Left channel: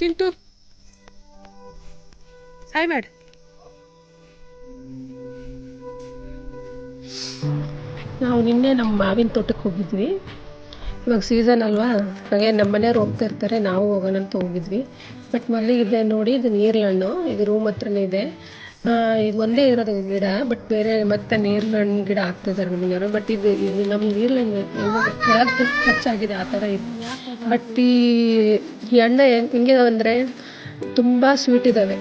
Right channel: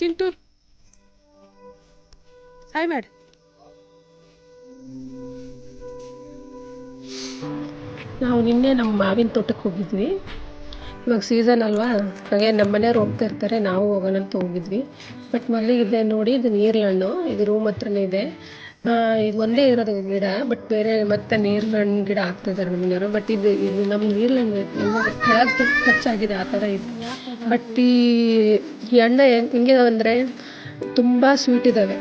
Chintu hi ಮಾಡಿ. ನಾವು ನಿನ್ನೆ ನಮ್ಮ ಮಾವಿನ ತೋಟಕ್ಕೆ ಹೋಗಿದ್ವಿ. ಇವಾಗ ಸೀಸನ್ ಅಲ್ವಾ, ಹಾಗೆ ನಮ್ಮ ಮನೆಯವ್ರು ಹೋಗ್ತಾ ಇರ್ತಾರೆ, ನಾವು ಹೋಗೋಣ ಅಂತ ಹೋಗಿದ್ವಿ. ಬಟ್ ಮಲ್ಲಿಗಿದೆ ನೋಡಿ, ಇದು ನೀರ್ಹಣ್ಣು, ಇದು ರೂಮ್ ಹತ್ರನೇ ಇದೆ. ಇದು ಒಂದೇ ಇರೋದು ಗಿಡ, ಬಟ್ ಬೇರೆ ಮತ್ತೆ ನೀರ್ಹಣ್ಣು ಗಿಡ ಹಾಕ್ತಿದ್ದಾರೆ ನಮ್ಮ ಮನೆಯವರು. ಬಟ್ ಇದು ನಮ್ಮ ನೀರ್ಹಣ್ಣು ಖರ್ಚಾಗಿದೆ ಆ ಥರ ಇದೆ. ಬಟ್ ಈ ಹಣ್ಣು ಹೆಂಗೆ ಅಂದರೆ ತುಂಬ ಸ್ವೀಟ್ ಇದ್ದಾವೆ.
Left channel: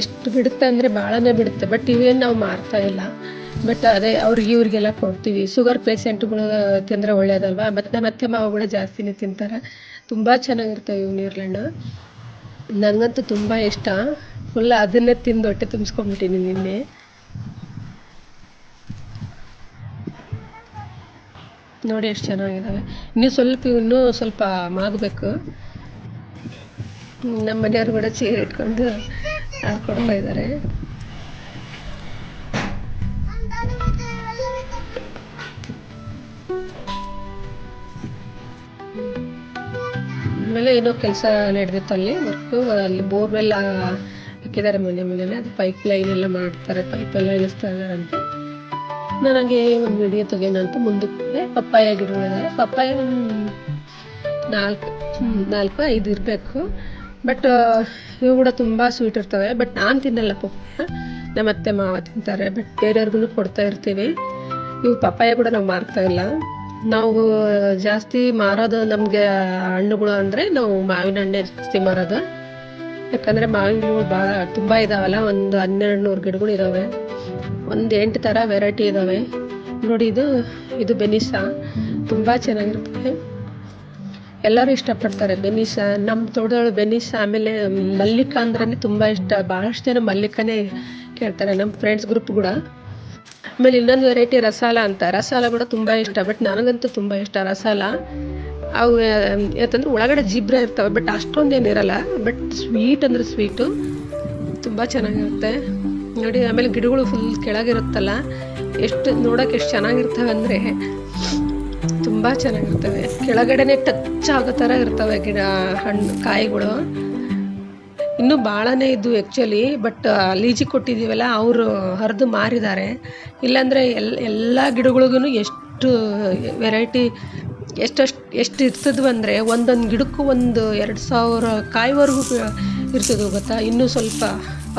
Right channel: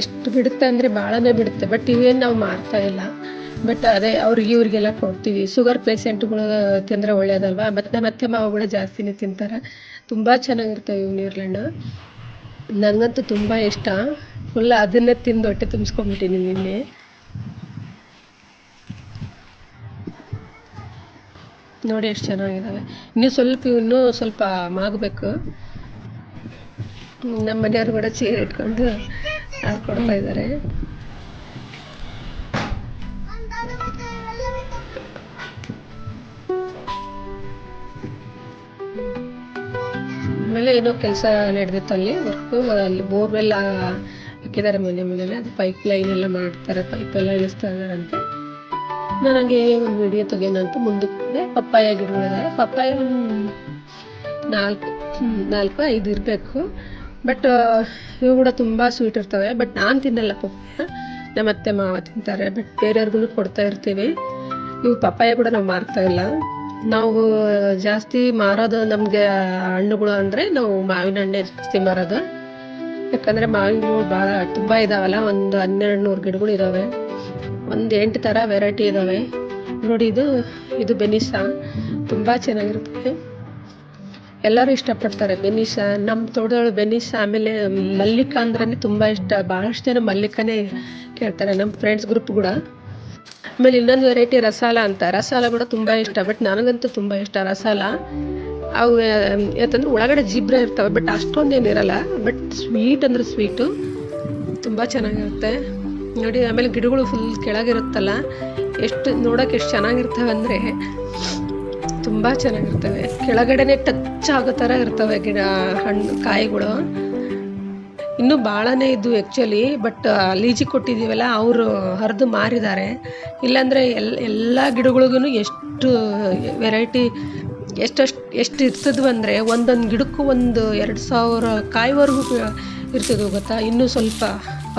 ಎಷ್ಟು ಬಿಡುತ್ತೆ ಅಂದರೆ ಭಾಳನೇ ಬಿಡುತ್ತೆ. ಬಟ್ ಇವೇನು ನಾವು ಮಾರ್ತಾ ಇಲ್ಲ. ಬಟ್ ಅದೇ ಅವ್ರಿಗೆ ಇವ್ರಿಗೆಲ್ಲ ಕೊಡ್ತೀವಿ. ಶುಗರ್ ಪೇಷೆಂಟ್ಗಳು ತಿಂದರೆ ಒಳ್ಳೇದಲ್ವಾ. ಮತ್ತೆ ಮಾವುಗಳು ಜಾಸ್ತಿನೇ ತಿಂತಾರೆ. ತುಂಬ ಚೆನ್ನಾಗಿರ್ತವೆ ಇವು ನೀರ್ಹಣ್ಣು. ನನಗಂತೂ ತುಂಬ ಇಷ್ಟ. ಫುಲ್ ಅದನ್ನೇ ತಿಂದು ಹೊಟ್ಟೆ ತುಂಬಿಸ್ಕೊಂಡ್ಬಿಟ್ಟಿನಿ ನಿನ್ನೆ. ನೋಡಿ ಎಷ್ಟು ಚೆನ್ನಾಗಿದ್ದಾವೆ. ಇನ್ನೂ ಸ್ವಲ್ಪ ಮಾಗಬೇಕು. ನಮ್ಮ ಮನೆಯವ್ರು ಕೂಡ ಚೇರ್ ಇಟ್ಕೊಂಡು ಕೊಡ್ತಾ ಇದ್ದಾರೆ. ಆಮೇಲೆ ಏನೋ ಕೆಲಸ ನಡೆದಿತ್ತು ಅಲ್ಲಿ ವರ್ಕು. ಅಲ್ಲಿ ಬೋರ್ವೆಲ್ ಹಾಕಿದ್ದಾರೆ ಮನೆ ಮೇಲೆ. ಅದು ಪೈಪ್ ಲೈನ್ ಎಲ್ಲ ಮಾಡ್ತಾರೆ, ಪೈಪ್ ಎಲ್ಲ ಇಳಿಸ್ತಾ ಇದ್ದಾರಂತೆ. ನನಗೆ ಒಂದು ವಿಡಿಯೋ ತೆಗೆಯೋಣಂತ ಮುಂದಕ್ಕೆ ಪಪ್ಪಾಯ ಗಿಡಗಳಿದ್ದಾರೆ. ಪಪ್ಪಾಯ ಒಂದು 4-5 ಇರಬೇಕು. ಬಟ್ ಇವು ಕೂಡ ತುಂಬ ಸ್ವೀಟ್ ಇರ್ತವೆ. ಬಟ್ ನಾನು ತಿನ್ನಲ್ಲ ಪಪ್ಪಾಯ, ನಮ್ಮ ಅತ್ತೆ ಮಾವ ತಿಂತಾರೆ. ಬಟ್ ಬೇರೆಯವ್ರಿಗೂ ಕೊಡ್ತಾ ಇರ್ತೀವಿ. ಇವು ಪಪ್ಪಾಯ ಕೂಡ ನಾವು ಮಾರ್ತಾ ಇಲ್ಲ. ನಾವು ಜಾಸ್ತಿ ಮಾರೋದು ನಮಗೆ ಹಣ್ಣುಗಳು ಅಂದರೆ ನಾವು ಮಾವಿನ ಹಣ್ಣೆ ಜಾಸ್ತಿ ಮಾರೋದು. ಯಾಕಂದರೆ ಮಾವಿನ ಗಿಡಗಳು ಭಾಳ ತುಂಬ ಇದ್ದಾವಲ್ಲ, ಒಂದು 1200 ಗಿಡಗಳು ಇದ್ದಾವೆ. ಒಂದು 8 ಥರ ವೆರೈಟಿ ಇದ್ದಾವೆ ನೋಡಿ. ಇದು ಬೆನಿಸಾ, ತುಂಬ ಚೆನ್ನಾಗಿರುತ್ತೆ. ಎಲ್ಲರೂ ಇಷ್ಟಪಡ್ತಾರೆ ಬೆನಿಸಾ. ನಮ್ಮ ತೋಟದೊಳಗೆ ಬೆನಿಸಾ, ಆಮೇಲೆ ಮಲ್ಲಿಕ ಅಂದ್ರೆ ತುಂಬ ಇಷ್ಟ. ಭಾಳಷ್ಟು ಜನ ಮಲ್ಲಿಕನೇ ಕೇಳ್ತಾರೆ, ನಮ್ಮ ಫ್ರೆಂಡ್ಸ್ ಗ್ರೂಪ್ ಕೂಡ. ಆಮೇಲೆ ಇನ್ನೊಂದು ವೆರೈಟಿ ರಸಾಲ ಅಂತ, ರಸಾಲ ಕೂಡ ತುಂಬ ಇಷ್ಟ. ಬಟ್ ನನಗಂತೂ ತುಂಬ ಇಷ್ಟ ರಸಾಲ. ಅವು ಯಾಕಂದ್ರೆ ಒಳಗಡೆ ಜಿಬ್ರೆ ಇರ್ತವೆ, ಬಟ್ ಅಷ್ಟೊಂದೇನಿರಲ್ಲ. ಬಟ್ ಸ್ವೀಟ್ ಅಂದರೆ ಸ್ವೀಟು ತುಂಬ ಚೆನ್ನಾಗಿರುತ್ತೆ ನೋಡಿ. ಆಮೇಲೆ ಗಿಡಗಳು ಫುಲ್ ಕೆಳಗಿರುತ್ತಲ್ಲ, ನೋಡೋಕೆ ಎಷ್ಟು ಚೆನ್ನಾಗಿರ್ತವೆ ಅಂದರೆ ತುಂಬ ಚೆನ್ನಾಗಿರ್ತವೆ. ಕೆಳಗಡೆನೆ ಟಚ್ ಆಗೋ ಥರ ಇರ್ತವೆ ಹಣ್ಣು ಕಾಯಿಗಳು. ಇನ್ನೂ ಭಾಳನೇ ಇದ್ದು ಆ್ಯಕ್ಚುಲಿ. ಬಟ್ ಲೀಜಿಗೆ ಕೊಟ್ಟಿದ್ದೀವಲ್ಲ, ಅವರು ಹರಿದು ಮಾರಿದ್ದಾರೆ. ಇಲ್ಲಾಂದರೆ ಎಲ್ಲ ಗಿಡಗಳಿಗೂ ಎಷ್ಟು ವೆರೈಟಿ ಎಷ್ಟು ಇರ್ತದ್ವು ಅಂದರೆ ಒಂದೊಂದು ಗಿಡಕ್ಕೂ 1-2 ಸಾವಿರ ಕಾಯಿವರೆಗೂ ಇರ್ತದೆ ಗೊತ್ತಾ. ಇನ್ನೂ ಸ್ವಲ್ಪ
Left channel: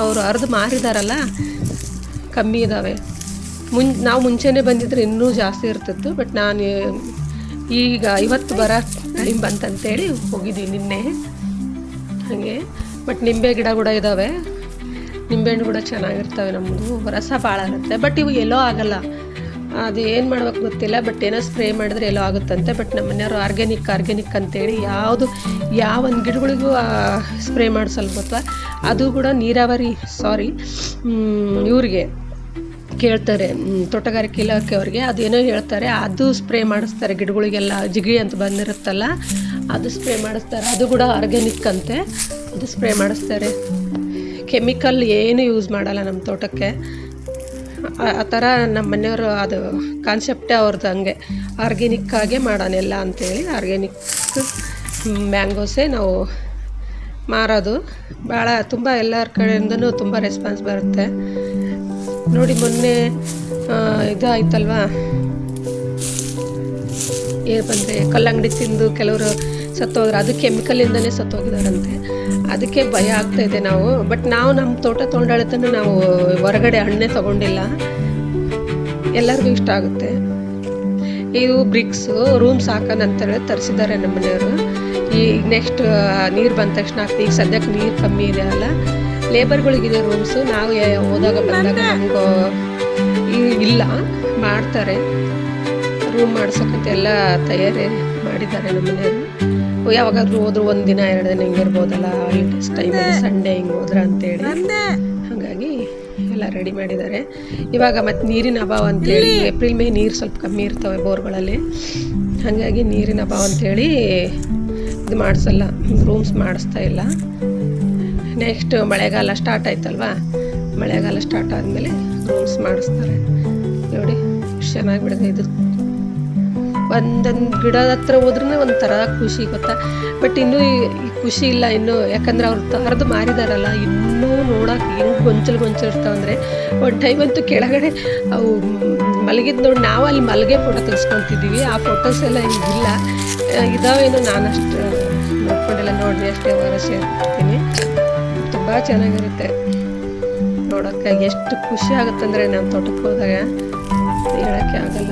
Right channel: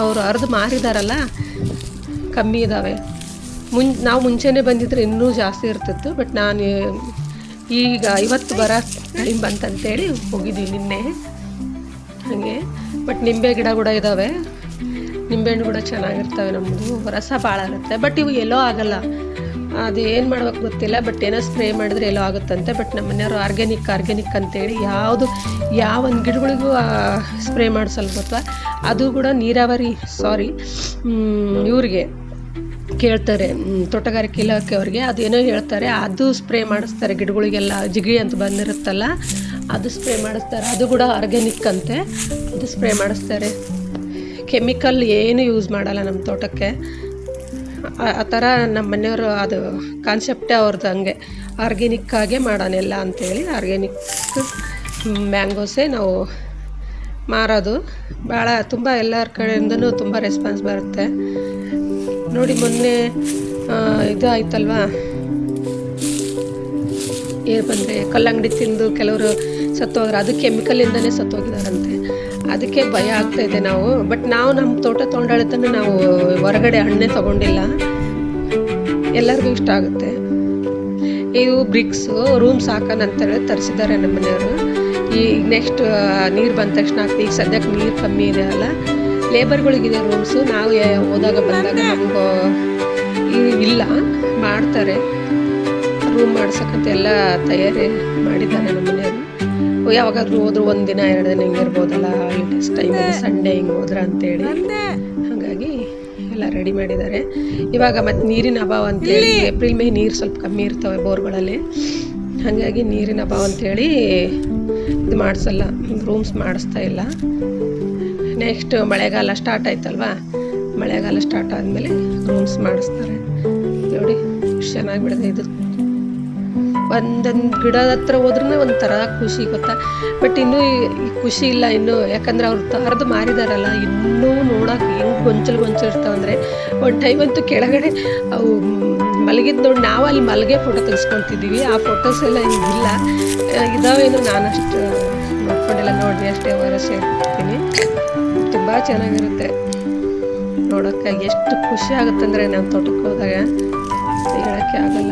ಅವರು ಹರಿದು ಮಾರಿದಾರಲ್ಲ, ಕಮ್ಮಿ ಇದ್ದಾವೆ. ನಾವು ಮುಂಚೆನೇ ಬಂದಿದ್ರೆ ಇನ್ನೂ ಜಾಸ್ತಿ ಇರ್ತಿತ್ತು. ಬಟ್ ನಾನು ಈಗ ಇವತ್ತು ಬರೋ ಟೈಮ್ ಬಂತಂತೇಳಿ ಹೋಗಿದ್ದೀವಿ ನಿನ್ನೆ ಹಾಗೆ. ಬಟ್ ನಿಂಬೆ ಗಿಡ ಕೂಡ ಇದ್ದಾವೆ. ನಿಂಬೆಹಣ್ಣು ಕೂಡ ಚೆನ್ನಾಗಿರ್ತವೆ. ನಮ್ಮದು ರಸ ಭಾಳ ಇರುತ್ತೆ. ಬಟ್ ಇವು ಎಲ್ಲೋ ಆಗಲ್ಲ, ಅದು ಏನು ಮಾಡ್ಬೇಕು ಗೊತ್ತಿಲ್ಲ. ಬಟ್ ಏನೋ ಸ್ಪ್ರೇ ಮಾಡಿದ್ರೆ ಎಲ್ಲೋ ಆಗುತ್ತಂತೆ. ಬಟ್ ನಮ್ಮ ಮನೆಯವರು ಆರ್ಗ್ಯಾನಿಕ್ ಅಂತೇಳಿ ಯಾವ ಒಂದು ಗಿಡಗಳಿಗೂ ಸ್ಪ್ರೇ ಮಾಡಿಸಲ್ಲ ಗೊತ್ತಾ. ಅದು ಕೂಡ ಇವ್ರಿಗೆ ಕೇಳ್ತಾರೆ, ತೋಟಗಾರಿಕೆ ಇಲಾಖೆ ಅವ್ರಿಗೆ. ಅದೇನೋ ಹೇಳ್ತಾರೆ, ಅದು ಸ್ಪ್ರೇ ಮಾಡಿಸ್ತಾರೆ ಗಿಡಗಳಿಗೆಲ್ಲ. ಜಿಗಿ ಅಂತ ಬಂದಿರುತ್ತಲ್ಲ, ಅದು ಸ್ಪ್ರೇ ಮಾಡಿಸ್ತಾರೆ. ಅದು ಕೂಡ ಆರ್ಗ್ಯಾನಿಕ್ ಅಂತೆ. ಅದು ಸ್ಪ್ರೇ ಮಾಡಿಸ್ತಾರೆ. ಕೆಮಿಕಲ್ ಏನು ಯೂಸ್ ಮಾಡಲ್ಲ ನಮ್ಮ ತೋಟಕ್ಕೆ. ಆ ಥರ ನಮ್ಮ ಮನೆಯವರು ಅದು ಕಾನ್ಸೆಪ್ಟೇ ಅವ್ರದ್ದು ಹಂಗೆ, ಆರ್ಗ್ಯಾನಿಕ್ಕಾಗೆ ಮಾಡೋಣೆಲ್ಲ ಅಂಥೇಳಿ. ಆರ್ಗ್ಯಾನಿಕ್ ಮ್ಯಾಂಗೋಸೇ ನಾವು ಮಾರೋದು. ಭಾಳ ತುಂಬ ಎಲ್ಲರ ಕಡೆಯಿಂದನೂ ತುಂಬ ರೆಸ್ಪಾನ್ಸ್ ಬರುತ್ತೆ ನೋಡಿ. ಮೊನ್ನೆ ಇದು ಆಯ್ತಲ್ವಾ, ಏನು ಬಂದರೆ ಕಲ್ಲಂಗಡಿ ತಿಂದು ಕೆಲವರು ಸತ್ತೋದ್ರೆ, ಅದು ಕೆಮಿಕಲಿಂದನೇ ಸತ್ತೋಗಿದಾರಂತೆ. ಅದಕ್ಕೆ ಭಯ ಆಗ್ತಾಯಿದೆ ನಾವು. ಬಟ್ ನಾವು ನಮ್ಮ ತೋಟ ತೊಗೊಂಡಾಳಿತನೂ ನಾವು ಹೊರಗಡೆ ಹಣ್ಣೇ ತೊಗೊಂಡಿಲ್ಲ. ಎಲ್ಲರಿಗೂ ಇಷ್ಟ ಆಗುತ್ತೆ. ಇದು ಬ್ರಿಕ್ಸು ರೂಮ್ಸ್ ಹಾಕೋಣ ಅಂತೇಳಿ ತರಿಸಿದ್ದಾರೆ ನಮ್ಮ ಮನೆಯವರು. ಈಗ ನೆಕ್ಸ್ಟ್ ನೀರು ಬಂದ ತಕ್ಷಣ ಈಗ ಸದ್ಯಕ್ಕೆ ನೀರು ಕಮ್ಮಿ ಇದೆ ಅಲ್ಲ, ಲೇಬರ್ಗಳಿಗಿದೆ ರೂಮ್ಸು. ನಾವು ಹೋದಾಗ ಬಂದಾಗ ನಮಗೂ ಇಲ್ಲ, ಮಾಡ್ತಾರೆ ರೂಮ್ ಮಾಡ್ಸೋಕ್ಕಂತ ಎಲ್ಲ ತಯಾರಿ ಮಾಡಿದ್ದಾರೆ ನಮ್ಮ ಮನೆಯವರು. ಯಾವಾಗಾದ್ರೂ ಹೋದ್ರು 1 ದಿನ 2 ದಿನ ಹಿಂಗೆ ಇರ್ಬೋದಲ್ಲ, ಹಾಲಿಡೇಸ್ ಟೈಮಲ್ಲಿ ಸಂಡೇ ಹಿಂಗೆ ಹೋದ್ರ ಅಂತೇಳಿ. ಹಾಗಾಗಿ ಎಲ್ಲ ರೆಡಿ ಮಾಡಿದ್ದಾರೆ. ಇವಾಗ ಮತ್ತು ನೀರಿನ ಅಭಾವ ಅಂತೇಳಿ ಏಪ್ರಿಲ್ ಮೇ ನೀರು ಸ್ವಲ್ಪ ಕಮ್ಮಿ ಇರ್ತವೆ ಬೋರ್ಗಳಲ್ಲಿ. ಹಾಗಾಗಿ ನೀರಿನ ಅಭಾವ ಅಂತೇಳಿ ಇದು ಮಾಡಿಸಲ್ಲ, ರೂಮ್ಸ್ ಮಾಡಿಸ್ತಾ ಇಲ್ಲ. ನೆಕ್ಸ್ಟ್ ಮಳೆಗಾಲ ಸ್ಟಾರ್ಟ್ ಆಯ್ತಲ್ವಾ, ಮಳೆಗಾಲ ಸ್ಟಾರ್ಟ್ ಆದಮೇಲೆ ರೂಮ್ಸ್ ಮಾಡಿಸ್ತಾರೆ ನೋಡಿ. ಎಷ್ಟು ಚೆನ್ನಾಗಿ ಬಿಡಿದೆ ಇದು. ಒಂದೊಂದು ಗಿಡದ ಹತ್ರ ಹೋದ್ರೂ ಒಂಥರ ಖುಷಿ ಗೊತ್ತಾ. ಬಟ್ ಇನ್ನೂ ಈ ಖುಷಿ ಇಲ್ಲ ಇನ್ನೂ, ಯಾಕಂದ್ರೆ ಅವ್ರು ಹರಿದು ಮಾರಿದಾರಲ್ಲ, ಇನ್ನೂ ನೋಡೋಕೆ ಹೆಂಗೆ ಗೊಂಚಲು ಇರ್ತಾವಂದರೆ ಒಂದು ಟೈಮ್ ಅಂತೂ ಕೆಳಗಡೆ ಅವು ಮಲಗಿದ್ದು ನೋಡಿ ನಾವು ಅಲ್ಲಿ ಮಲಗೆ ಫೋಟೋ ತೆಗೆಸ್ಕೊತಿದ್ದೀವಿ. ಆ ಫೋಟೋಸ್ ಎಲ್ಲ ಈಗಿಲ್ಲ, ಇದಾವೇನೋ ನಾನು ಅಷ್ಟು ನೋಡ್ಕೊಂಡಿಲ್ಲ, ನೋಡಿರಿ ಅಷ್ಟೇ ಅವರ ಶೇರ್ ಮಾಡ್ತೀನಿ. ತುಂಬ ಚೆನ್ನಾಗಿರುತ್ತೆ ನೋಡೋಕ್ಕೆ, ಎಷ್ಟು ಖುಷಿ ಆಗುತ್ತಂದರೆ ನಾನು ತೋಟಕ್ಕೆ ಹೋದಾಗ ಹೇಳೋಕ್ಕೆ ಆಗಲ್ಲ.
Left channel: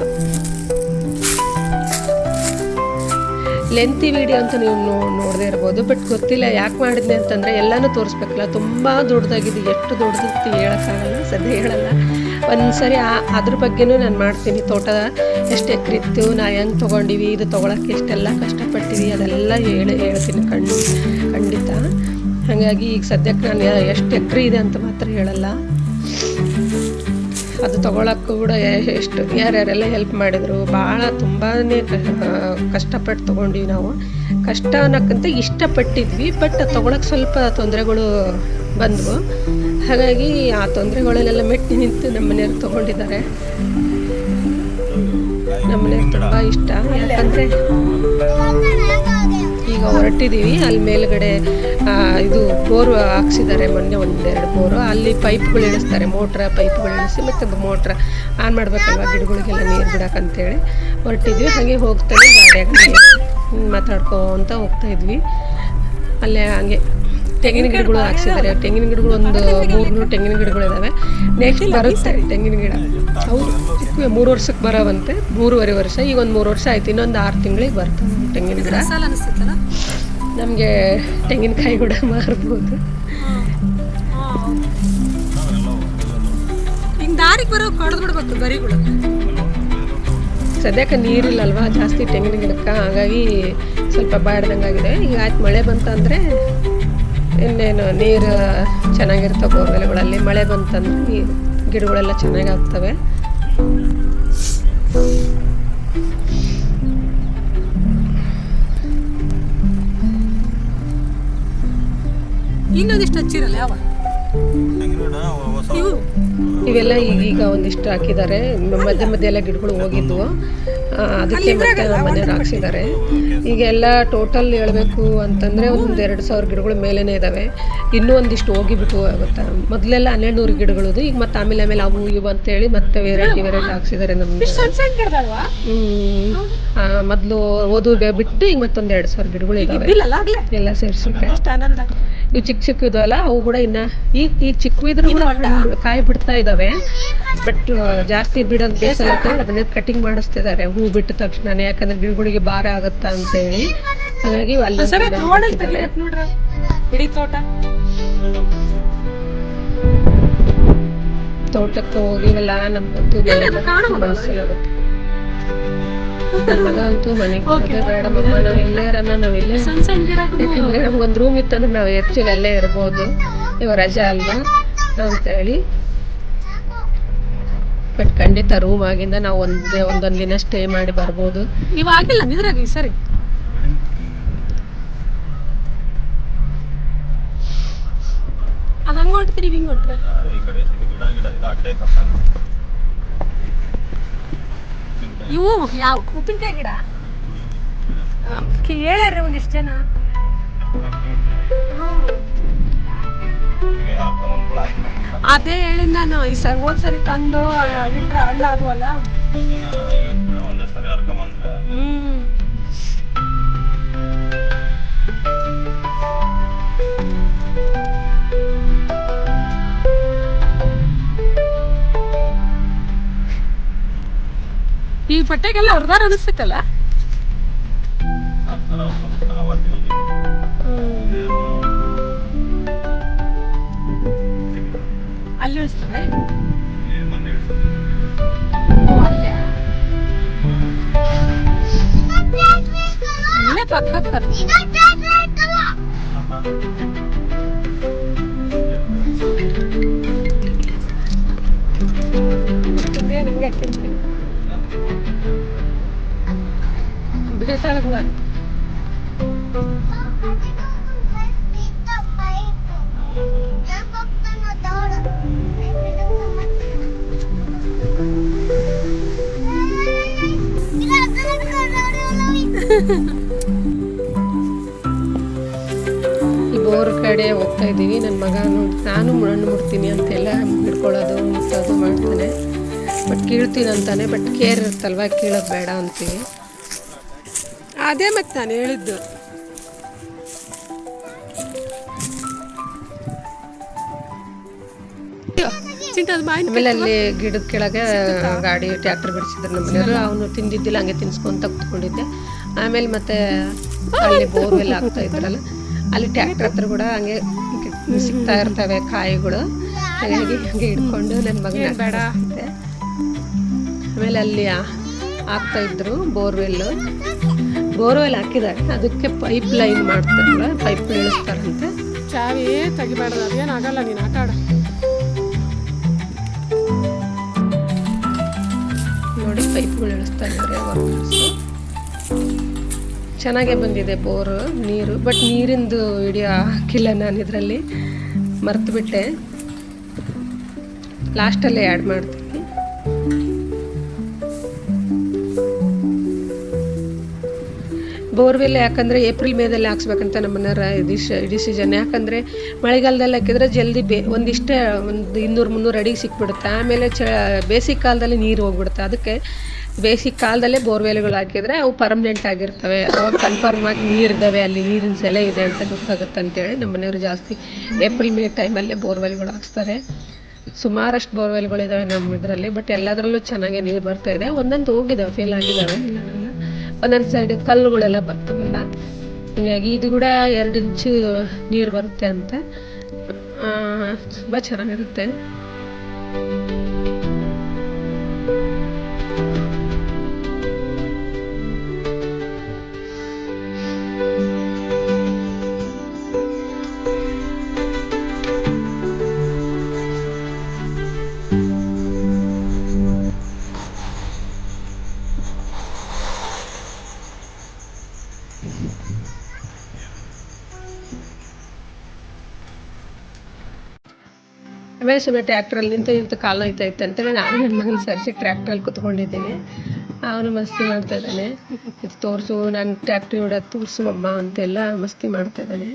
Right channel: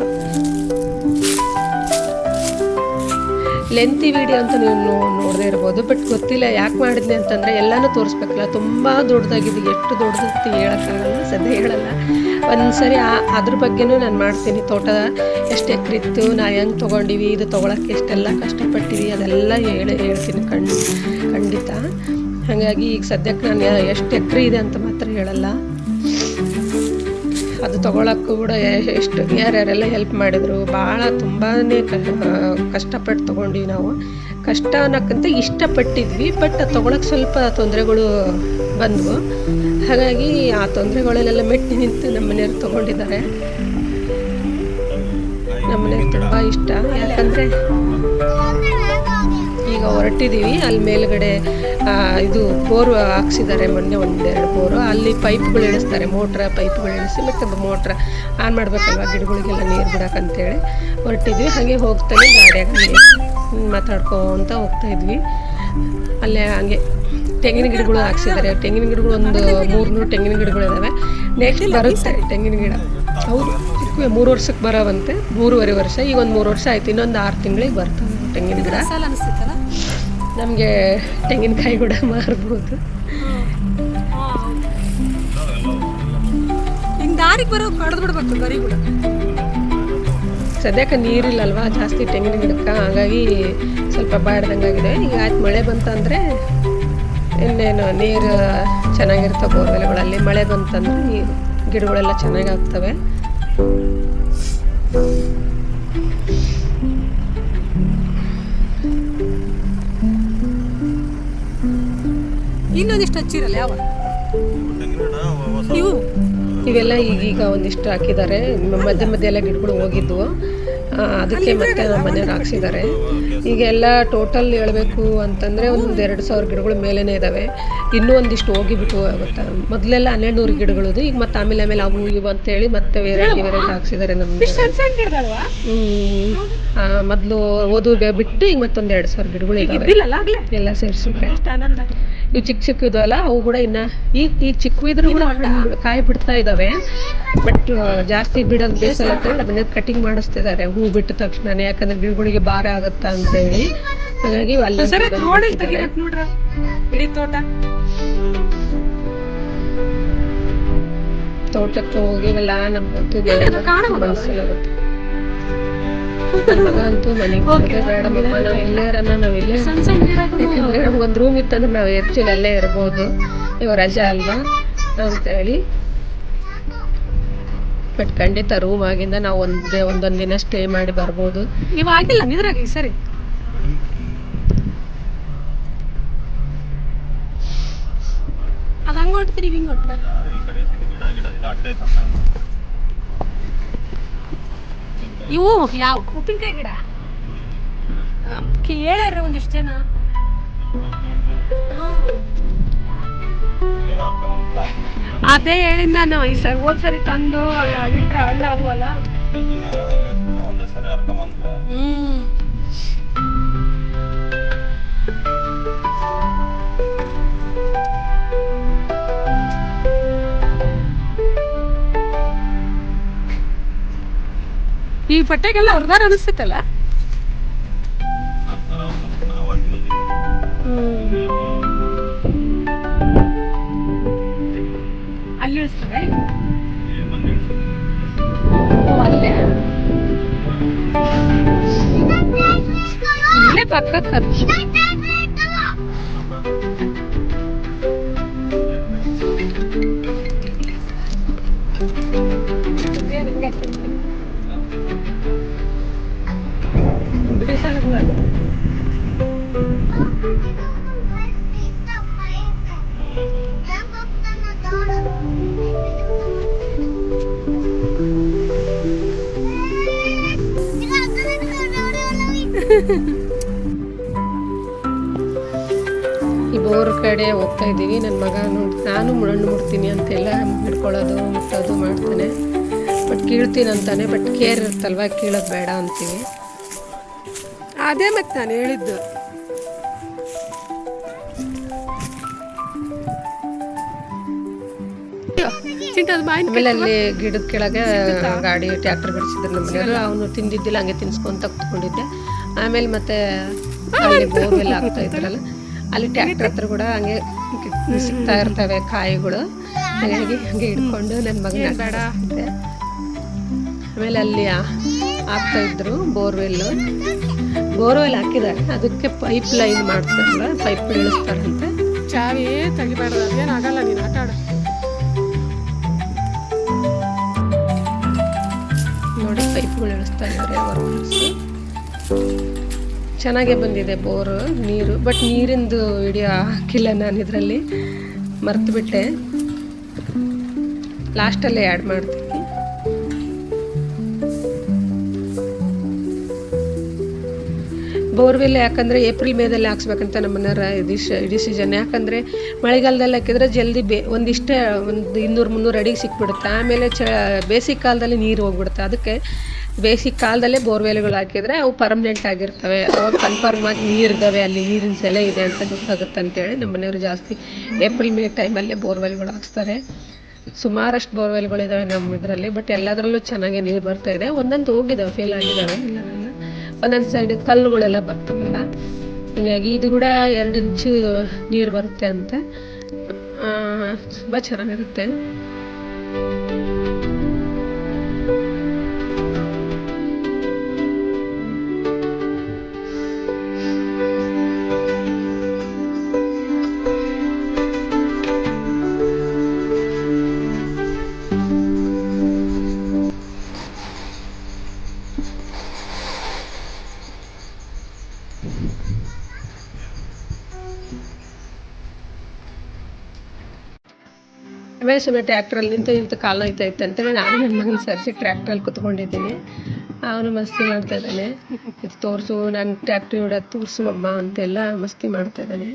ಲೆಂತಿ ವಿಡಿಯೋ ಅಂತ ನೀವು ನೋಡದೇ ಇರ್ಬೋದು, ಬಟ್ ಗೊತ್ತಿಲ್ಲ ಯಾಕೆ ಮಾಡಿದ್ನಿ ಅಂತಂದರೆ ಎಲ್ಲನೂ ತೋರಿಸ್ಬೇಕಲ್ಲ, ತುಂಬ ದೊಡ್ಡದಾಗಿದೆ, ಎಷ್ಟು ದೊಡ್ಡದಿತ್ತು ಹೇಳೋಕ್ಕಾಗಲ್ಲ, ಸದ್ಯ ಹೇಳಲ್ಲ. ಒಂದು ಸರಿ ಅದ್ರ ಬಗ್ಗೆನೂ ನಾನು ಮಾಡ್ತೀನಿ. ತೋಟ ಎಷ್ಟು ಎಕರೆ ಇತ್ತು, ನಾವು ಹೆಂಗೆ ತೊಗೊಂಡಿವಿ, ಇದು ತೊಗೊಳಕ್ಕೆ ಎಷ್ಟೆಲ್ಲ ಕಷ್ಟಪಟ್ಟಿವಿ, ಅದೆಲ್ಲ ಹೇಳ್ತೀನಿ ಖಂಡಿತ. ಹಾಗಾಗಿ ಈಗ ಸದ್ಯಕ್ಕೆ ನಾನು ಎಷ್ಟು ಎಕರೆ ಇದೆ ಅಂತ ಮಾತ್ರ ಹೇಳಲ್ಲ. ಅದು ತೊಗೊಳಕ್ಕೂ ಕೂಡ ಎಷ್ಟು ಯಾರ್ಯಾರೆಲ್ಲ ಹೆಲ್ಪ್ ಮಾಡಿದರು, ಭಾಳ ತುಂಬಾ ಕಷ್ಟಪಟ್ಟು ತೊಗೊಂಡ್ವಿ ನಾವು. ಕಷ್ಟ ಅನ್ನೋಕ್ಕಂತ ಇಷ್ಟಪಟ್ಟಿದ್ವಿ, ಬಟ್ ತೊಗೊಳಕ್ಕೆ ಸ್ವಲ್ಪ ತೊಂದರೆಗಳು ಬಂದವು. ಹಾಗಾಗಿ ಆ ತೊಂದರೆಗಳಲ್ಲೆಲ್ಲ ಮೆಟ್ಟಿ ನಿಂತು ನಮ್ಮ ಮನೆಯವ್ರು ತೊಗೊಂಡಿದ್ದಾರೆ. ನಮ್ಮ ಮನೆಯವ್ರು ತುಂಬ ಇಷ್ಟ, ಯಾಕಂದರೆ ಈಗ ಹೊರಟಿದ್ದೀವಿ. ಅಲ್ಲಿ ಮೇಲ್ಗಡೆ ಇದು ಬೋರು ಹಾಕ್ಸಿದ್ದಾರೆ ಮೊನ್ನೆ, ಒಂದೆರಡು ಬೋರು. ಅಲ್ಲಿ ಪೈಪ್ಗಳು ಇಳಿಸ್ತಾರೆ, ಪೈಪ್ಗಳು ಇಳಿಸಿ ಮತ್ತು ಮೋಟ್ರ್ ಆನ್ ಮಾಡಬೇಕಲ್ವ ಗಿಡಗಳಿಗೆಲ್ಲ ನೀರು ಬಿಡೋಕ್ಕಂತೇಳಿ ಹೊರಟಿದ್ವಿ. ಹಾಗೆ ಹೋಗ್ತಾನೆ ಗಾಡಿಯಾಗ ಮಾತಾಡ್ಕೊತ ಹೋಗ್ತಾಯಿದ್ವಿ. ಅಲ್ಲೇ ಹಂಗೆ ತೆಂಗಿನ ಗಿಡಗಳು ಹಾಕ್ಸಿದ್ದಾರೆ. ತೆಂಗಿನ ಗಿಡಗಳು ಒಂದು 300 ತೆಂಗಿನ ಗಿಡಗಳಿದ್ದಾವೆ. ನೆಕ್ಸ್ಟ್ ಬರುತ್ತೆ ತೆಂಗಿನ ಗಿಡ. ಹೌದು, ಚಿಕ್ಕ 3 ವರ್ಷಕ್ಕೆ ಬರೋವಂತೆ, 3.5 ವರ್ಷ. ಈಗ ಒಂದು 3 ವರ್ಷ ಆಯ್ತು, ಇನ್ನೊಂದು 6 ತಿಂಗಳಿಗೆ ಬರ್ತವೆ ತೆಂಗಿನ ಗಿಡ. ನಮಗೆ ತೆಂಗಿನಕಾಯಿ ಕೂಡ ಮಾರ್ಬೋದು. ಸದ್ಯಕ್ಕೆ ನೀರಿಲ್ಲಲ್ವಾ ಜಾಸ್ತಿ ತೆಂಗಿನ ಗಿಡಕ್ಕೆ, ಹಾಗಾಗಿ ಸ್ವಲ್ಪ ಬಾಡ್ದಂಗಾಗಿದೆ. ಈಗ ಆಯ್ತು ಮಳೆ ಬಂತಂದರೆ ಇನ್ನೇನು ನೀರು ಚೆನ್ನಾಗಿರ್ತವೆ ಬೋರ್ವೆಲ್ಗಳಲ್ಲಿ. ಮಳೆ ಬಂತಂದರೆ ನೀರು ಗಿಡಗಳೆಲ್ಲ ಚೆನ್ನಾಗಿ ಆಗ್ತವೆ. ಇನ್ನೊಂದಿಷ್ಟು ಹಚ್ಚಿರಲ್ಲ ಯಾವ ಇವೆಲ್ಲ ಈಗೀಗ ಒಂದಿಷ್ಟು ಹಾಕಿದ್ದಾರೆ. ಮಧ್ಯೆ ಎಲ್ಲ ಗಿಡಗಳು ಹೋಗಿದ್ವು, ಅದಕ್ಕೆ ಮತ್ತೆ ನಮ್ಮ ಮನೆಯವ್ರು ಹಾಕ್ಸಿದ್ದಾರೆ. ಈಗೆಲ್ಲ ಟೋಟಲ್ ಹೇಳಬೇಕು ಅಂತಂದರೆ ಒಂದು 2,000 ಗಿಡಗಳು ಮೇಲೇ ಇದ್ದಾವೆ. ಇನ್ನೂ ಒಂದಿಷ್ಟು ಹೋಗಿಬಿಟ್ಟು ಆಗುತ್ತಾ. ಮೊದಲೆಲ್ಲ 1200 ಗಿಡಗಳದು, ಈಗ ಮತ್ತೆ ಆಮೇಲೆ ಅವು ಇವು ಅಂತೇಳಿ ಮತ್ತೆ ವೆರೈಟಿ ಹಾಕ್ಸಿದ್ದಾರೆ ನಮಗೆ. ಮೊದಲು ಓದು ಬಿಟ್ಟು ಈಗ ಮತ್ತೊಂದು 2,000 ಗಿಡಗಳು ಇದ್ದಾವೆ ಎಲ್ಲ ಸೇರಿಸಿದ್ರೆ. ಇವು ಚಿಕ್ಕ ಇದಲ್ಲ, ಅವು ಕೂಡ ಇನ್ನು ಈಗ ಚಿಕ್ಕ ಇದ್ರೂ ಕೂಡ ಕಾಯಿ ಬಿಡ್ತಾ ಇದ್ದಾವೆ. ಬಟ್ ಜಾಸ್ತಿ ಬಿಡೋದು ಬೇಸಲ್ಲ ಅದನ್ನೇ ಕಟಿಂಗ್ ಮಾಡಿಸ್ತಿದ್ದಾರೆ ಹೂ ಬಿಟ್ಟ ತಕ್ಷಣ, ಯಾಕಂದ್ರೆ ಗಿಡಗಳಿಗೆ ಭಾರ ಆಗುತ್ತಾ ಅಂತೇಳಿ. ಹಾಗಾಗಿ ತೋಟಕ್ಕೆ ಹೋಗಿವಲ್ಲ ನಮ್ಗಂತೂ ಮನಸ್ಸಿಲಾಗುತ್ತೆ. ನನ್ನ ಮಗ ಅಂತೂ ಮನೆಗೆ ಬೇಡಮ್ಮ, ನಾವು ಎಲ್ಲೇರನ್ನ ನಾವಿಲ್ಲೇ, ಯಾಕಂದ್ರೆ ನಮ್ಗೊಂದು ರೂಮ್ ಇತ್ತಂದ್ರೆ ನಾವು ಹೆಚ್ಚಿಗೆ ಅಲ್ಲೇ ಇರ್ಬೋದು, ಇವಾಗ ರಜಾ ಅಲ್ವಾ ಅಂತೇಳಿ. ಬಟ್ ಖಂಡಿತ ರೂಮ್ ಆಗಿಂದ ನಾವು ಒಂದೊಂದು ದಿನ ಸ್ಟೇ ಮಾಡಿ ಬರ್ಬೋದು. ಇವಾಗಿಲ್ಲ ನಿದ್ರಾಗಿ ಸರಿ. ಅದು ಹಂಗೆ ಹೊಂಟ್ತೀರಿ ಹಿಂಗೆ ಹೊಂಟ್ರೆ ಇವು ಯಾವ ಉಪ್ಪಿನಕಾಯಿ ಗಿಡ ಕೇಳ್ಯಾರ ಒಂದಿಷ್ಟು ಜನ. ಅದೇ ಹೇಳಿದ್ ನಾನು, ಈ ಸರಿ ಹೋದ್ಸರಿ ತಂದು ಇಟ್ರೆ ಹಳ್ಳ ಅದುವಲ್ಲ. ಈ ಬಟ್ಟೆಗೆಲ್ಲ ಹೊರದಾರ ಅನಿಸ್ತೈತಲ್ಲ. ಅಲ್ಲಿ ಇಳಿಸ್ತಾರೆ ಇಲ್ಲೇ ಪಕ್ಕ ಬೇಸಾರ ಈ ಬೋರ್ ಕಡೆ ಹೋಗ್ತಾ ಇದ್ದೀವಿ. ನನ್ನ ಮಗ ನಾನು ಮಣ್ಣು ಮುಡ್ತೀನಿ ಅಂತೆಲ್ಲ ಹಿಡ್ಕೊಳ್ಳೋದು ಮುಟ್ಟೋದು ಮಾಡ್ತಾನೆ. ಬಟ್ ಕೀಳ್ತೀನಿ ಅಂತಾನೆ. ಬಟ್ ಕೇರ್ ಇರ್ತಲ್ವ, ಕೀಳೋದು ಬೇಡ ಅಂತೀವಿ. ಅದೇ ಮತ್ತೆ ನಾನು ಹೇಳಿದ್ದು. ಆಮೇಲೆ ಅಲ್ಲಿ ಗಿಡದ ಕೆಳಗೆ ಗಾಡಿ ಟ್ರ್ಯಾಕ್ಟರ್ ಬಿಡಿಸಿದ್ರು ನಮ್ಮ ಮನೆಯವರು. ಅವನು ತಿಂದಿದ್ದಿಲ್ಲ, ಹಂಗೆ ತಿನ್ಸ್ಕೊಂತ ಕುತ್ಕೊಂಡಿದ್ದೆ. ಆಮೇಲೆ ಮತ್ತೆ ಅಲ್ಲಿ ಬೋರ್ವೆಲ್ ಆಗ್ತಾ ಇದ್ರಲ್ಲ, ಅಲ್ಲಿ ಟ್ರ್ಯಾಕ್ಟರ್ ಹತ್ರ ಕೂಡ ಹಂಗೆ ಸಿಗ್ತಾ ಇರ್ತವೆ ಕಾಯಿಗಳು. ಹಾಗಾಗಿ ಹಂಗೆ ಹಿಡ್ಕೊಂಡು ನನ್ನ ಮಗನ ಆಡಿಸ್ತಿದ್ದೆ. ಆಮೇಲೆ ಅಲ್ಲಿ ಆಗ್ತಾ ಇದ್ರು ಬೋರ್ವೆಲ್ ಹಾಕಿದ್ದಾರೆ. ಅದಕ್ಕೆ ಪೈಪ್ ಲೈನ್ ಮಾಡ್ತಾರಲ್ಲ, ಪೈಪ್ ಇಳಿಸ್ತಾರಂತೆ. ಚಾವಿ ತೆಗಿಬಾರ್ದು, ಅದೇನಾಗಲ್ಲ, ನೀನು ಆಟ ಆಡ. ನೋಡಿ ಪೈಪ್ಗಳು ಇಳಿಸ್ತಾ ಇದ್ದಾರೆ ವರ್ಕರ್ಸ್. ಚೆನ್ನಾಗೇ ಬಂದಿದೆ ಬೋರು ನೀರು. ಬಟ್ ನೀರಿಂದು ವಿಡಿಯೋ ಹಾಕಿಲ್ಲ ನಾನು, ಇದರಲ್ಲಿ ಮರ್ತುಬಿಟ್ಟೆ. ಲಾಸ್ಟಲ್ಲೇ ಆ್ಯಡ್ ಮಾಡ್ತೀನಿ. ಬೋರ್ವೆಲ್ ಯಾಕಂದರೆ ಏಪ್ರಿಲ್ ಮೇದಲ್ಲಿ ಹಾಕ್ಸ್ಬೇಕಂತ ನಮ್ಮನೆಯವ್ರ ಡಿಸಿಷನ್. ಯಾಕಂದರೆ ಮಳೆಗಾಲದಲ್ಲಿ ಹಾಕಿದ್ರೆ ಜಲ್ದಿ ಒಂದಿಷ್ಟೇ ಒಂದು 200-300 ಅಡಿಗೆ ಸಿಕ್ಬಿಡುತ್ತೆ. ಆಮೇಲೆ ಬೇಸಿಗೆ ಕಾಲದಲ್ಲಿ ನೀರು ಹೋಗ್ಬಿಡುತ್ತೆ. ಅದಕ್ಕೆ ಬೇಸಿಗೆ ಕಾಲದಲ್ಲೇ ಬೋರ್ವೆಲ್ಗಳು ಹಾಕಿದರೆ ಅವು ಪರ್ಮನೆಂಟ್ ಆಗಿರ್ತವೆ. ಅವಾಗ ಕನ್ಫರ್ಮ್ ಆಗಿ ನೀರಿದ್ದಾವೆ, ಅಲ್ಲಿ ನೀರಿನ ಸೆಲೆ ಇದೆ ಅಂತ ಗೊತ್ತಾಗುತ್ತೆ ಅಂತೇಳಿ ನಮ್ಮನೆಯವರು ಜಾಸ್ತಿ ಏಪ್ರಿಲ್ ಮೇ ಟೈಮಲ್ಲೇ ಬೋರ್ವೆಲ್ಗಳು ಹಾಕ್ಸ್ತಾರೆ. ಸುಮಾರಷ್ಟು ಬೋರ್ವೆಲ್ಗಳಿದ್ದಾವೆ ನಮ್ಮ ಇದರಲ್ಲಿ. ಬಟ್ ಎಲ್ಲದರಲ್ಲೂ ಚೆನ್ನಾಗಿ ನೀರು ಬರ್ತಾ ಇದೆ. ಒಂದೊಂದು ಹೋಗಿದ್ದಾವೆ, ಫೇಲ್ ಆಗಿದ್ದಾವೆ. ಒಂದೊಂದು ಸೈಡ್ ಕಲ್ಲುಗಳೆಲ್ಲ ಬರ್ತವಲ್ಲ, ಹೀಗಾಗಿ ಇದು ಕೂಡ 2 ಇಂಚು ನೀರು ಬರುತ್ತೆ ಅಂತ. ತುಂಬ ಚೆನ್ನಾಗಿರುತ್ತೆ. ಆಮೇಲೆ ಸುಮ್ಮನೆ ಟ್ರ್ಯಾಕ್ಟ್ರಲ್ಲಿ ನಿಂತು ಕಾಲು ನೋಯ್ತಾಯಿತ್ತು ಅಂತೇಳಿ ನಾನು ನನ್ನ ಮಗನ ಸರಿಸಿ ಟ್ರ್ಯಾಕ್ಟ್ರಲ್ಲಿ ಕುತ್ಕೊಂಡಿದ್ದೀನಿ. ಅವನು ಮಸ್ತಿ ಮಾಡ್ತಾ ಇದ್ದಾನೆ. ಇದು ತೋರಿಸು, ನಾನು ಟ್ರ್ಯಾಕ್ಟ್ರಿ ಹೊಡೋದು ತೋರಿಸು ಅಮ್ಮ ಅಂತೆಲ್ಲ ಮಸ್ತಿ ಮಾಡ್ತಾ ಇದ್ದಾನೆ.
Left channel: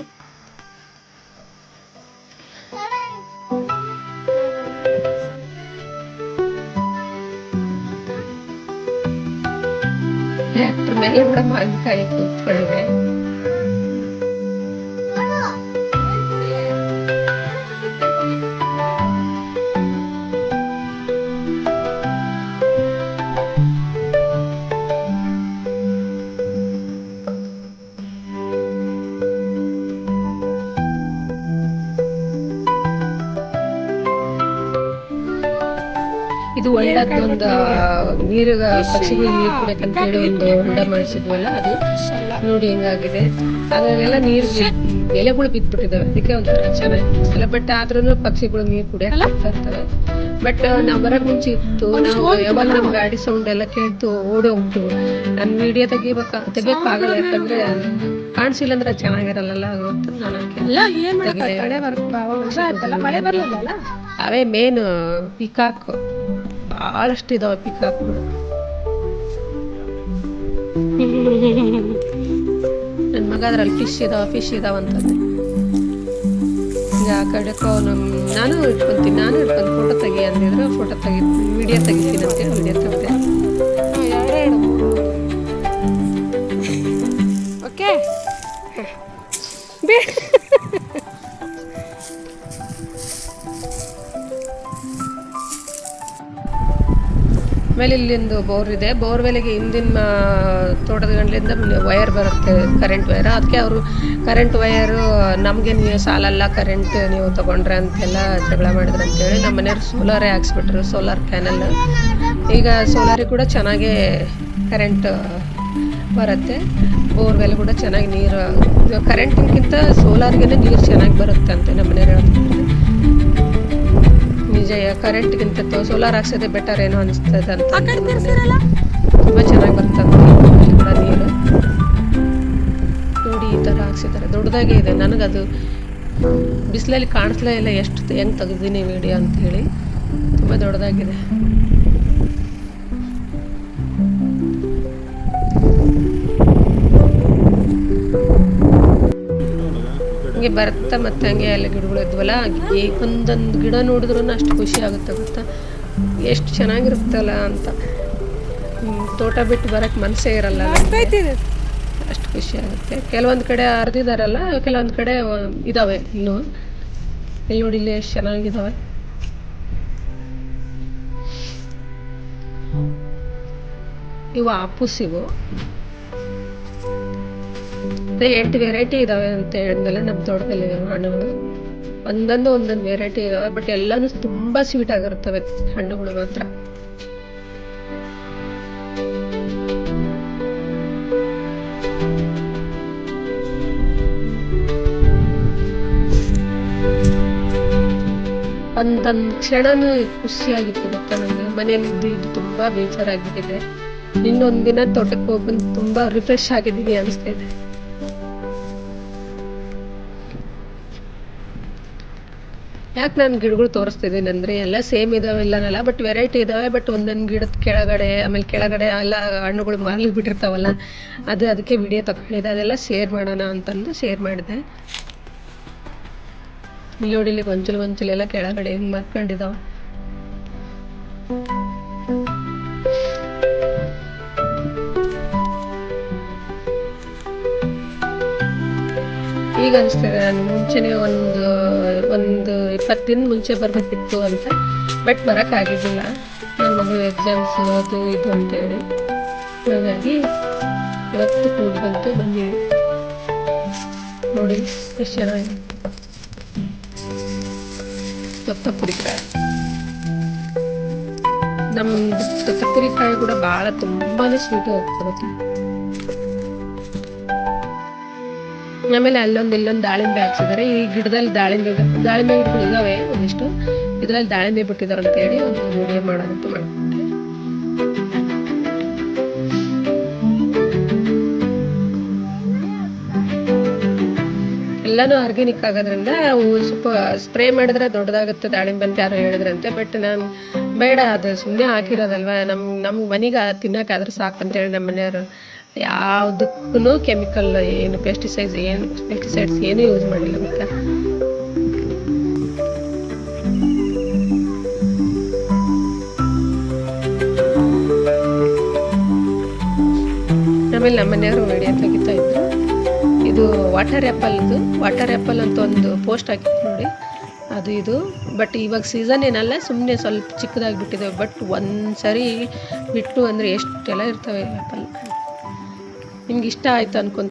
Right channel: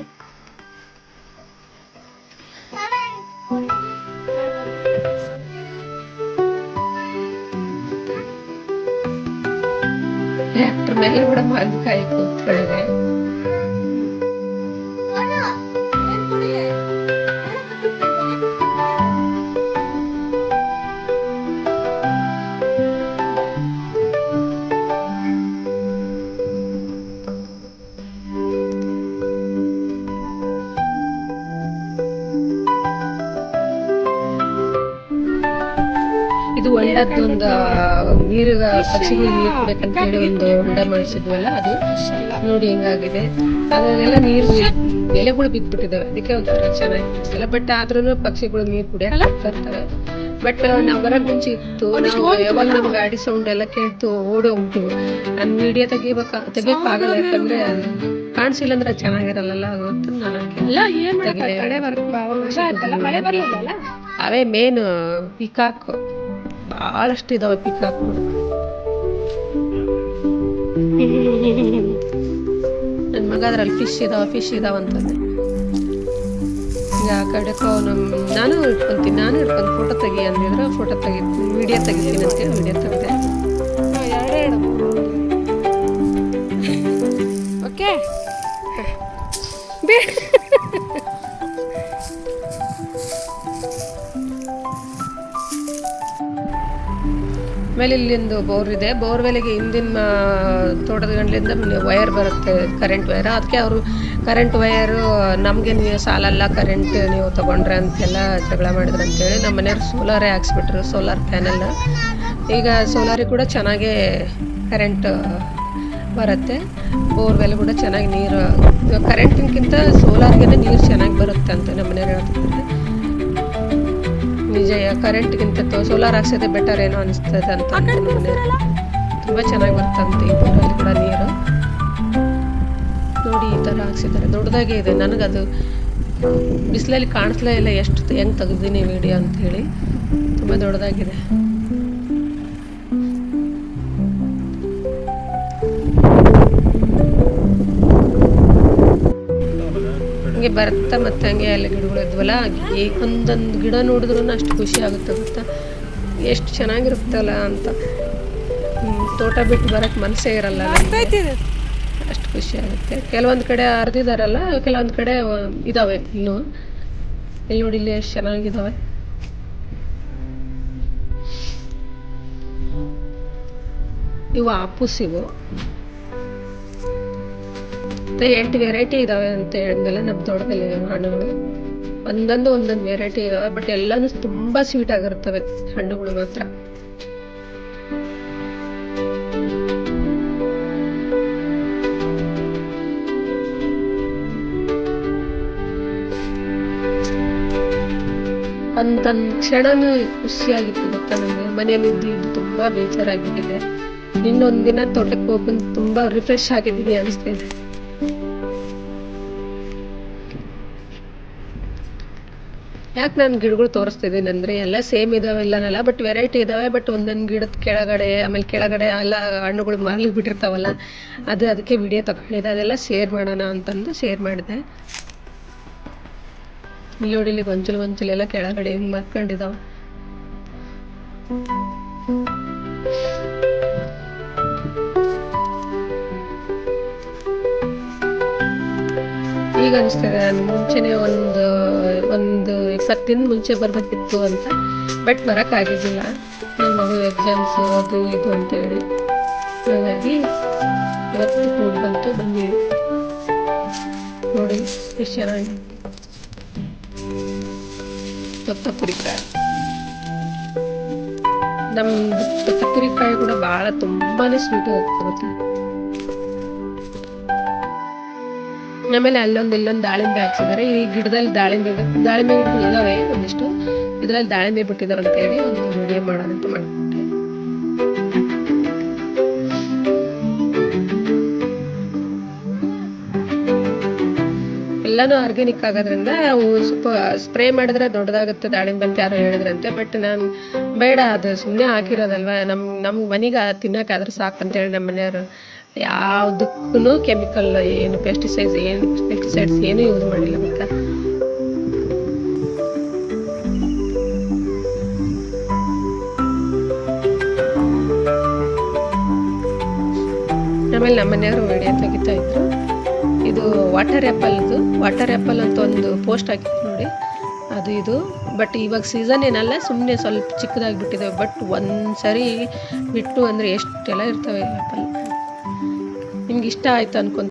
ಟ್ರ್ಯಾಕ್ಟರ್ ಮೇಲೆ ಕೂಡ ಮಾವಿನಕಾಯಿ ಕೂತ್ಕೊಂಡಿದೆ. ಇದು ಒಳ್ಳೇದೊಂದು ನೀರು, ಪಕ್ಷಿಗಳು ನೀರು ಕುಡಿಬೇಕಂತ ಹೇಳಿ ಒಂದು ಹೊಂಡ ಮಾಡಿಸಿದ್ವಲ್ಲ, ಅದು ನೋಡಿ ಹೆಂಗಾಗಿದೆ. ಅದರಲ್ಲೆಲ್ಲ ನೀರು ಎಲೆಗಳು ಬಿದ್ದುಬಿಟ್ಟಿದ್ದಾವೆ. ಅದಕ್ಕೆ ಒಂಥರ ಚೆನ್ನಾಗಿ. ಬಟ್ ಆದ್ರೂ ಪಕ್ಷಿಗಳು ನೀರು ಕುಡಿಯಕ್ಕೆ ಹೋಗ್ತಾ ಇರ್ತವೆ. ಬಟ್ ನಾವು ಬರೋಕ್ಕೆ ಮುಂಚೆ ಇತ್ತು, ನಾವು ಯಾವಾಗ ನಮ್ಮ ಗಾಡಿ ಸೌಂಡ್ ಎಲ್ಲ ಕೇಳ್ತು ಓಡಿ ಹೋಗ್ತು. ನಾನು ವಿಡಿಯೋ ತೆಗಿಯೋಕ್ಕಾಗಲ್ಲ, ಯಾಕಂದ್ರೆ ಕಾಣಿಸಿಲ್ಲ ಅಂದ್ರೆ ಚೆನ್ನಾಗಿರಲ್ಲ. ಗೊತ್ತು ಅವೇ ಮೇನ್ ಪಿಕಾಕ್, ಭಾಳಷ್ಟು ಇದಾವೆ ಪಿಕಾಕ್ಗಳು. ನನ್ನ ಮಗ ಅದ್ರಲ್ಲಿ ಫಿಶ್ ಇದಾವಂತಂದೆ. ಆ ಕಡೆಕೋ ನಾನು ಹಿಡ್ಕೊಂಡು ಫೋಟೋ ತೆಗಿ ಅಂದಿದ್ರು. ಫೋಟೋ ವಿಡಿಯೋ ತೆಗಿತೀನಿ ಅಂತೇಳಿ ವಿಡಿಯೋ ತೆಗೆದೆ. 2 3 ಓಕೆ. ಆಮೇಲೆ ಇಲ್ಲಿಂದು ಬೋರ್ ಇದೆ. ಬೋರ್ವೆಲ್ಗೆ ಹಿಂದಿನ ತೋಟದ ಗಂಡ್ಲಿಂದ ವಯರ್ ಬರುತ್ತೆ, ಕರೆಂಟ್ ವಯರ್. ಅದಕ್ಕೆ ಅವರು ಕರೆಂಟ್ ವಯರು ನಮಗೆ ನೀವು ಸಾಲಲ್ಲ, ಕರೆಂಟ್ ನೀವು ತೊಗೊಂಡ್ರೆ ಅಂತೆಲ್ಲ ಜಗಳ ಮಾಡಿದ್ರು ಅಂತೇಳಿ ನಮ್ಮ ಮನೆಯವ್ರು ಸೋಲಾರೇ ಹಾಕ್ಸ್ಬಿಟ್ರು, ಸೋಲಾರ್ ಪ್ಯಾನಲ್. ಈಗ ಸೋಲಾರಿಗೆ ಕೂಡ ಚೆನ್ನಾಗೇ ಕರೆಂಟ್ ಬರುತ್ತೆ. ಬೋರ್ವೆಲ್ ಕೂಡ ಚೆನ್ನಾಗಿ ನೀರು, ಕರೆಂಟಿಗಿಂತ ಸೋಲಾರ್ಗೆ ನೀರು ಚೆನ್ನಾಗಿ ಬರುತ್ತೆ ಅಂತ ನಮ್ಮ ಮನೆಯವ್ರು ಹೇಳ್ತಿದ್ದಾರೆ. ನಿಜ, ಕರೆಂಟ್ಗಿಂತ ಸೋಲಾರ್ ಹಾಕ್ಸೋದೇ ಬೆಟರ್ ಏನೋ ಅನಿಸ್ತದೆ ಅಂತ ನಮ್ಮ ಮನೆಯವ್ರು. ತುಂಬ ಚೆನ್ನಾಗಿ ಬರ್ತಂತೆ ಈ ಬೋರಲ್ಲಿ ಕೂಡ ನೀರು. ನೋಡಿ ಈ ಥರ ಹಾಕ್ಸಿದ್ದಾರೆ, ದೊಡ್ಡದಾಗೇ ಇದೆ. ನನಗದು ಬಿಸಿಲಲ್ಲಿ ಕಾಣಿಸ್ಲೇ ಇಲ್ಲ ಎಷ್ಟು ಹೆಂಗೆ ತೆಗೆದೀನಿ ವಿಡಿಯೋ ಅಂಥೇಳಿ. ತುಂಬ ದೊಡ್ಡದಾಗಿದೆ. ಹಂಗೆ ಬರ್ತಾ ಮತ್ತೆ ಹಂಗೆ ಎಲ್ಲ ಗಿಡಗಳು ಇದ್ವಲ್ಲ, ಒಂದೊಂದು ಗಿಡ ನೋಡಿದ್ರೂ ಅಷ್ಟು ಖುಷಿ ಆಗುತ್ತೆ ಗೊತ್ತಾ, ಎಷ್ಟು ಚೆನ್ನಾಗಿರುತ್ತಲ್ಲ ಅಂತ. ತೋಟ ಬಿಟ್ಟು ಬರೋಕ್ಕೆ ಮನಸ್ಸೇ ಇರಲ್ಲ ನಮ್ಗೆ. ಅಷ್ಟು ಖುಷಿ ಆಗುತ್ತೆ. ಕೆಲವೊಂದು ಕಡೆ ಹರಿದಿದಾರಲ್ಲ, ಕೆಲವೊಂದು ಕಡೆ ಇದ್ದಾವೆ ಇನ್ನು. ಇಲ್ಲಿ ನೋಡಿ, ಇಲ್ಲಿ ಎಷ್ಟು ಚೆನ್ನಾಗಿದ್ದಾವೆ. ಇವು ಆಪೂಸ್ ಇವು. ಮತ್ತೆ 8 ವೆರೈಟಿ ಇದಾವೆ ಅಂತ ಹೇಳಿದ್ಮೇಲೆ ನಮ್ಮ ತೋಟದಲ್ಲಿ ಹಣ್ಣುಗಳು ಒಂದೊಂದು ವೆರೈಟಿ ಇದಾವೆ. ಬಟ್ ಎಲ್ಲಾನು ತುಂಬಾ ಸ್ವೀಟ್ ಆಗಿರ್ತವೆ ಹಣ್ಣುಗಳು ಮಾತ್ರ. ಒಂದೊಂದು ಕ್ಷಣನೂ ಖುಷಿಯಾಗಿತ್ತು ಗೊತ್ತಾ. ನಮ್ಗೆ ಮನೇಲಿ ಇದ್ದು ತುಂಬಾ ಬೇಜಾರಾಗ್ಬಿಟ್ಟಿದೆ. ಇನ್ನೊಂದಿನ ತೋಟಕ್ಕೆ ಹೋಗ್ಬಂದು ತುಂಬಾ ರಿಫ್ರೆಶ್ ಆಗಿದ್ದೀನಿ ಅನಿಸ್ತಿದೆ. ಯಾಕೆ ನಾನು ಗಿಡಗಳು ತೋರಿಸ್ತಿದ್ದೀನಿ ಅಂದ್ರೆ, ಎಲ್ಲ ಸೇಮ್ ಇದಾವೆ ಇಲ್ಲನಲ್ಲ, ಬಟ್ ವೆರೈಟಿ ಇದಾವೆ. ಬಟ್ ಒಂದೊಂದು ಗಿಡದ ಕೆಳಗಡೆ, ಆಮೇಲೆ ಕೆಳಗಡೆ ಎಲ್ಲ ಹಣ್ಣುಗಳು ಮರಳಿ ಬಿಟ್ಟಿರ್ತಾವಲ್ಲ, ಅದಕ್ಕೆ ವಿಡಿಯೋ ತಗೊಂಡಿದ್ದೆ. ಅದೆಲ್ಲ ಶೇರ್ ಮಾಡೋಣ ಅಂತಂದು ಶೇರ್ ಮಾಡಿದೆ. ಇಲ್ಲಿ ನೋಡಿ, ಇಲ್ಲಿ ಗೊಂಚಲೆಲ್ಲ ಕೆಳಗಡೆ ಹಿಂಗೆ ಮರ್ಕೊಂಡಿದಾವ. ಈಗ ಅನಿಸ್ತದೆ, ನಾನು ಮುಂಚೆನೆ ಒಂದು 20 ದಿನ ಮುಂಚೆ ಬರ್ಬೇಕಿತ್ತು ಅಂತ. ಬಟ್ ಬರೋಕ್ಕಾಗಿದ್ದಿಲ್ಲ, ನನ್ನ ಮಗಳು ಎಕ್ಸಾಮ್ಸ್ ಅದು ಇದು ಅಂತೇಳಿ. ಹಾಗಾಗಿ ಇವತ್ತು ಕೂಡಿ ಬಂದೀವಿ. ನೋಡಿ ಎಷ್ಟು ಚೆನ್ನಾಗಿ ತೊತ್ತಪುರಿಕಾಯಿ. ನಮ್ದು ತೊತ್ತಪುರಿಕಾಯಿ ಕೂಡ ತುಂಬಾನೇ ಸ್ವೀಟ್ ಆಗುತ್ತೆ. ಆಮೇಲೆ ಇಲ್ಲೊಂದು ದಾಳಿಂಬೆ ಹಾಕ್ಸಿದ್ದಾರೆ. ಈ ಗಿಡದಲ್ಲಿ ದಾಳಿಂಬೆ ಗಿಡಗಳು ಇದಾವೆ ಒಂದಿಷ್ಟು. ಇದ್ರಲ್ಲಿ ದಾಳಿಂಬೆ ಬಿಟ್ಟಿದಾವೆ ಅಂತ ಹೇಳಿ ಒಂದು ವಿಡಿಯೋ ಮಾಡೋದಂತ ಮಾಡ್ಬಿಟ್ಟೆ. ಎಲ್ಲಾನು ಆರ್ಗ್ಯಾನಿಕ್ ಆಗೋದ್ರಿಂದ ಸ್ವಲ್ಪ ಸ್ಪ್ರೇ ಮಾಡಿದ್ರೆ ದೊಡ್ಡದಾಗುತ್ತೆ ದಾಳಿಂಬೆ ಅಂತ ಯಾರೋ ಹೇಳಿದ್ರಂತೆ. ಬಟ್ ನಾನು ಬೇಡ, ಅದು ಸುಮ್ಮನೆ ಹಾಕಿರೋದಲ್ವಾ, ನಮ್ಮ ಮನೆಗೆ ತಿನ್ನೋಕ್ಕಾದ್ರೆ ಸಾಕಂತೇಳಿ ನಮ್ಮ ಮನೆಯವರು ಯಾವುದಕ್ಕೂ ಕೆಮಿಕಲ್, ಏನು ಪೆಸ್ಟಿಸೈಡ್ಸ್ ಏನು ಯೂಸ್ ಮಾಡಿಲ್ಲ ಗೊತ್ತಾ. ಆಮೇಲೆ ನಮ್ಮ ಮನೆಯವರು ವಿಡಿಯೋ ತೆಗಿತಾ ಇದ್ರು. ಇದು ವಾಟರ್ ಆ್ಯಪಲ್ ಅಂತ ಒಂದು ಪೋಸ್ಟ್ ಹಾಕಿದ್ರು ನೋಡಿ, ಅದು ಇದು. ಬಟ್ ಇವಾಗ ಸೀಸನ್ ಏನಲ್ಲ, ಸುಮ್ಮನೆ ಸ್ವಲ್ಪ ಚಿಕ್ಕದಾಗಿಬಿಟ್ಟಿದೆ. ಬಟ್ ಒಂದ್ಸರಿ ಬಿಟ್ಟು ಅಂದರೆ ಎಷ್ಟೆಲ್ಲ ಇರ್ತವೆ ಆ್ಯಪಲ್. ನಿಮ್ಗೆ ಇಷ್ಟ ಆಯ್ತು ಅನ್ಕೊಂತ